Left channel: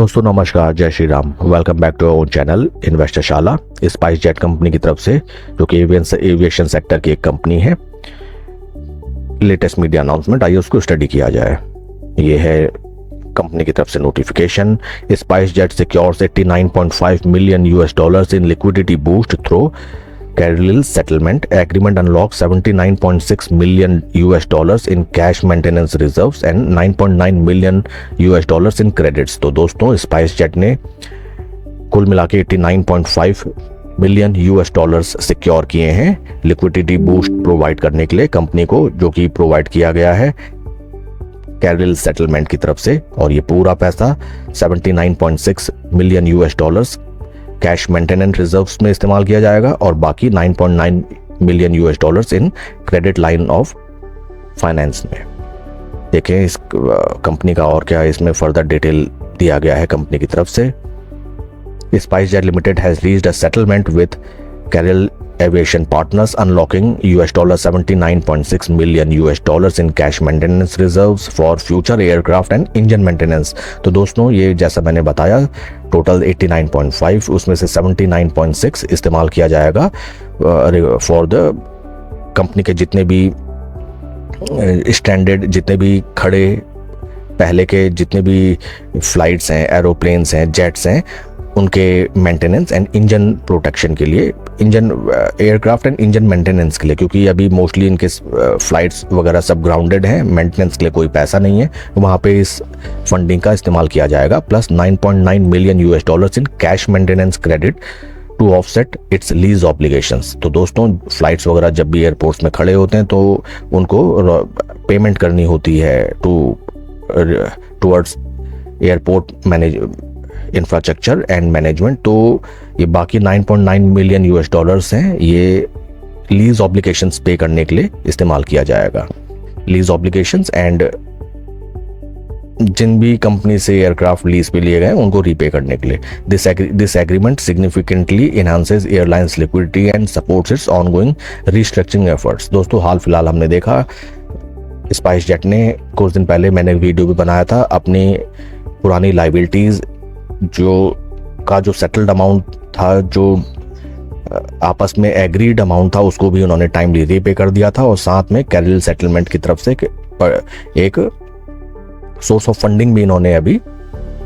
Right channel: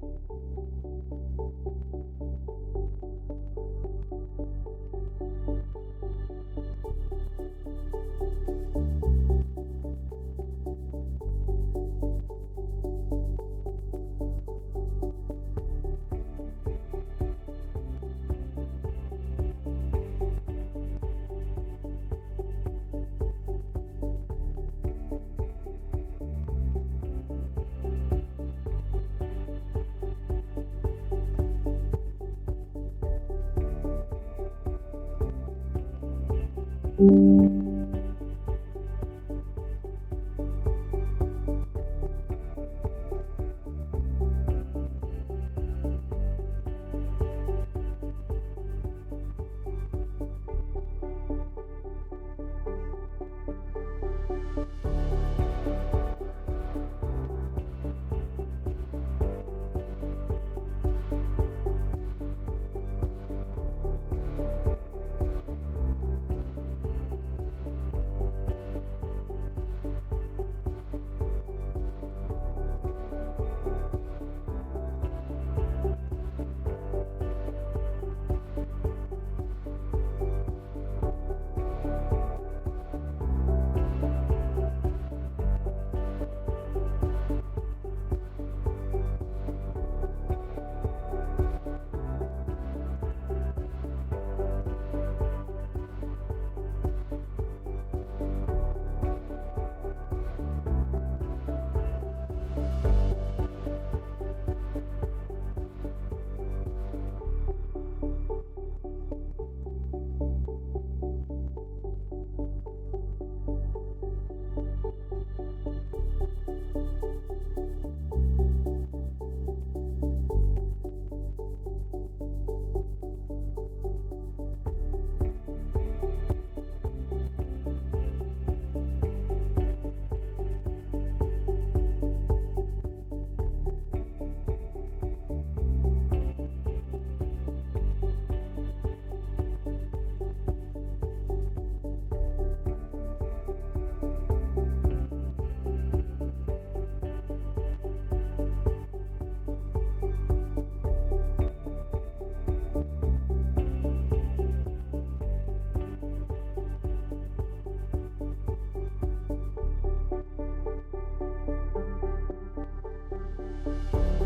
दोस्तों नमस्कार, जय Shri Ram. Welcome back to our own channel Investor Shala. SpiceJet company की तरफ से, जो कि एविएशन सेक्टर की एक कंपनी है, लेटेस्ट मीडिया अनाउंसमेंट, आइए उसको स्टडी किया जाए। ये है कंपनी की तरफ से notification. Spice jet secures $89.5 million in liquidity boost through Carlyle settlement agreement unlocks $79.6 million in cash maintenance reserves and $9.9 million in credits। तो दोस्तों स्पाइस जेट ने कुल मिला के $89.5 मिलियन सिक्योर किए हैं लिक्विडिटी बूस्ट प्रोवाइड करने के लिए कंपनी को, जो कि प्रोवाइड किया गया है Carlyle सेटलमेंट की तरफ से। और ये पूरा पैसा $79.6 मिलियन कैश मेंटेनेंस रिजर्व्स में इस्तेमाल किया जाएगा और बाकी $9.9 million in credit line of finance में। देखें इस कंपनी का और क्या इसमें फर्दर डिटेल दिया गया है कंपनी की तरफ से। Spice jet limited has reached a settlement with Carlyle Aviation Partners unlocking $79.6 million in cash maintenance reserves for future aircraft and engine maintenance। तो दोस्तों ये जैसा मैंने बताया टोटल 89.5, उसमें से 79.6 इस्तेमाल किया जाएगा फॉर द कंपनी के जितने भी स्टैंडर्ड, जितने भी खड़े पहले के जितने भी फ्लाइट्स हैं, एरोप्लेन्स हैं, जेट्स हैं, उनके मेंटेनेंस एंड इंजन प्रोटेक्शन के लिए, engine aircraft and engine maintenance के लिए, क्योंकि अभी मोस्टली इनके फ्लाइट्स वगैरह सब ग्राउंडेड हैं, मेंटेनेंस के लिए कोई पैसा नहीं है, वहाँ पे इस फंडिंग का इस्तेमाल किया जाएगा। Plus $9.9 million in cash maintenance credit to offset its lease obligations. तो दोस्तों फ्लाइट्स वगैरह जब भी एयरपोर्ट्स में खड़े होते हैं तो उनको पेमेंट करनी होती है towards airport infrastructure and management. तो ये बाकी $9.9 मिलियन हैं, ये लीज ऑब्लिगेशंस पे करने के लिए इस्तेमाल किया जाएगा। लीज ऑब्लिगेशंस एंड जिन भी कंपनी से एयरक्राफ्ट लीज पे लिए गए उनको रीपे करने के लिए। This agreement significantly enhances airlines liquidity and supports it's ongoing restructuring efforts. दोस्तों हाल फिलहाल हमने देखा स्पाइस जेट ने कुछ दिन पहले, मैंने वीडियो भी बनाया था, अपनी पुरानी लाइबिलिटीज जो सेटल्ड अमाउंट था, जो आपस में एग्रीड अमाउंट था, उसको भी उन्होंने टाइमली रीपे कर दिया था। और साथ में Carlyle सेटलमेंट की तरफ से एक सोर्स ऑफ फंडिंग भी इन्होंने अभी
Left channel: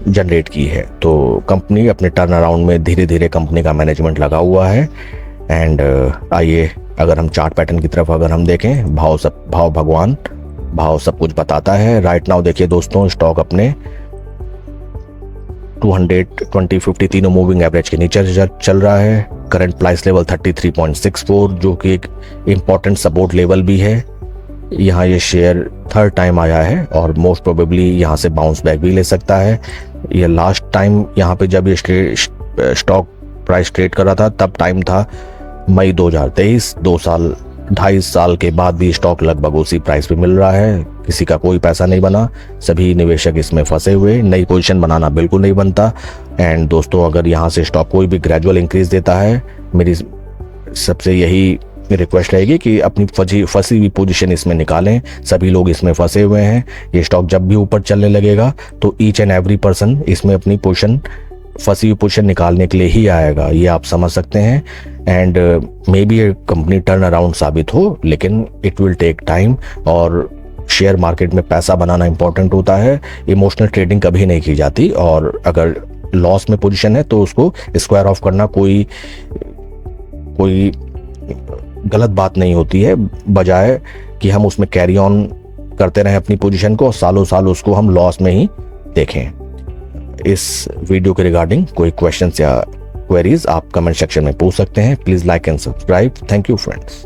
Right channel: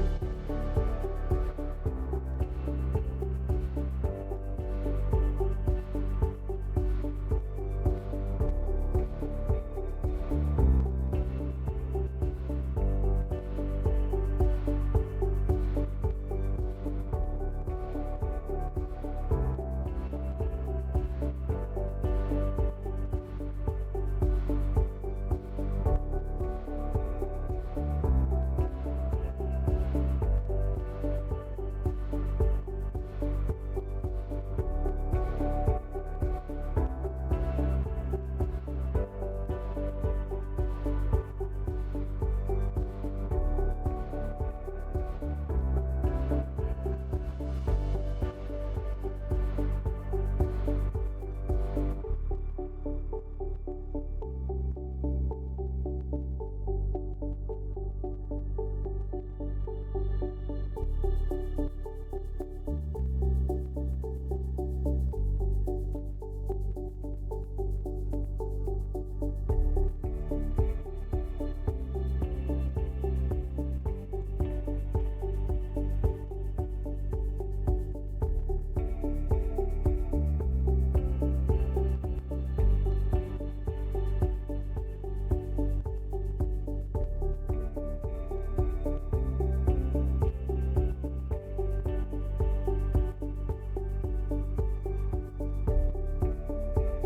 जनरेट की है। तो कंपनी अपने टर्न अराउंड में धीरे धीरे कंपनी का मैनेजमेंट लगा हुआ है। एंड आइए अगर हम चार्ट पैटर्न की तरफ अगर हम देखें, भाव भगवान, भाव सब कुछ बताता है। राइट नाउ देखिए दोस्तों, स्टॉक अपने 200, 20, 50 तीनों मूविंग एवरेज के नीचे चल रहा है। करंट प्राइस लेवल 33.64, जो कि एक इम्पॉर्टेंट सपोर्ट लेवल भी है। यहाँ ये शेयर थर्ड टाइम आया है और मोस्ट प्रोबेबली यहाँ से बाउंस बैक भी ले सकता है। ये लास्ट टाइम यहाँ पे जब ये स्टॉक प्राइस ट्रेड कर रहा था तब टाइम था मई 2023, 2.5 साल के बाद भी स्टॉक लगभग उसी प्राइस पे मिल रहा है। किसी का कोई पैसा नहीं बना, सभी निवेशक इसमें फंसे हुए, नई पोजीशन बनाना बिल्कुल नहीं बनता। एंड दोस्तों अगर यहाँ से स्टॉक कोई भी ग्रेजुअल इंक्रीज देता है, मेरी सबसे यही रिक्वेस्ट रहेगी कि अपनी फंसी हुई पोजीशन इसमें निकालें। सभी लोग इसमें फंसे हुए हैं। ये स्टॉक जब भी ऊपर चलने लगेगा तो ईच एंड एवरी पर्सन इसमें अपनी पोजीशन, फंसी हुई पोजीशन निकालने के लिए ही आएगा, ये आप समझ सकते हैं। एंड मे बी ये कंपनी टर्न अराउंड साबित हो, लेकिन इट विल टेक टाइम। और शेयर मार्केट में पैसा बनाना इंपॉर्टेंट होता है, इमोशनल ट्रेडिंग कभी नहीं की जाती। और अगर लॉस में पोजीशन है तो उसको स्क्वायर ऑफ करना कोई गलत बात नहीं होती है, बजाय कि हम उसमें कैरी ऑन करते रहें अपनी पोजीशन को और सालों साल उसको हम लॉस में ही देखें। इस वीडियो के रिगार्डिंग कोई क्वेश्चंस या क्वेरीज आप कमेंट सेक्शन में पूछ सकते हैं। Please like and subscribe. Thank you friends.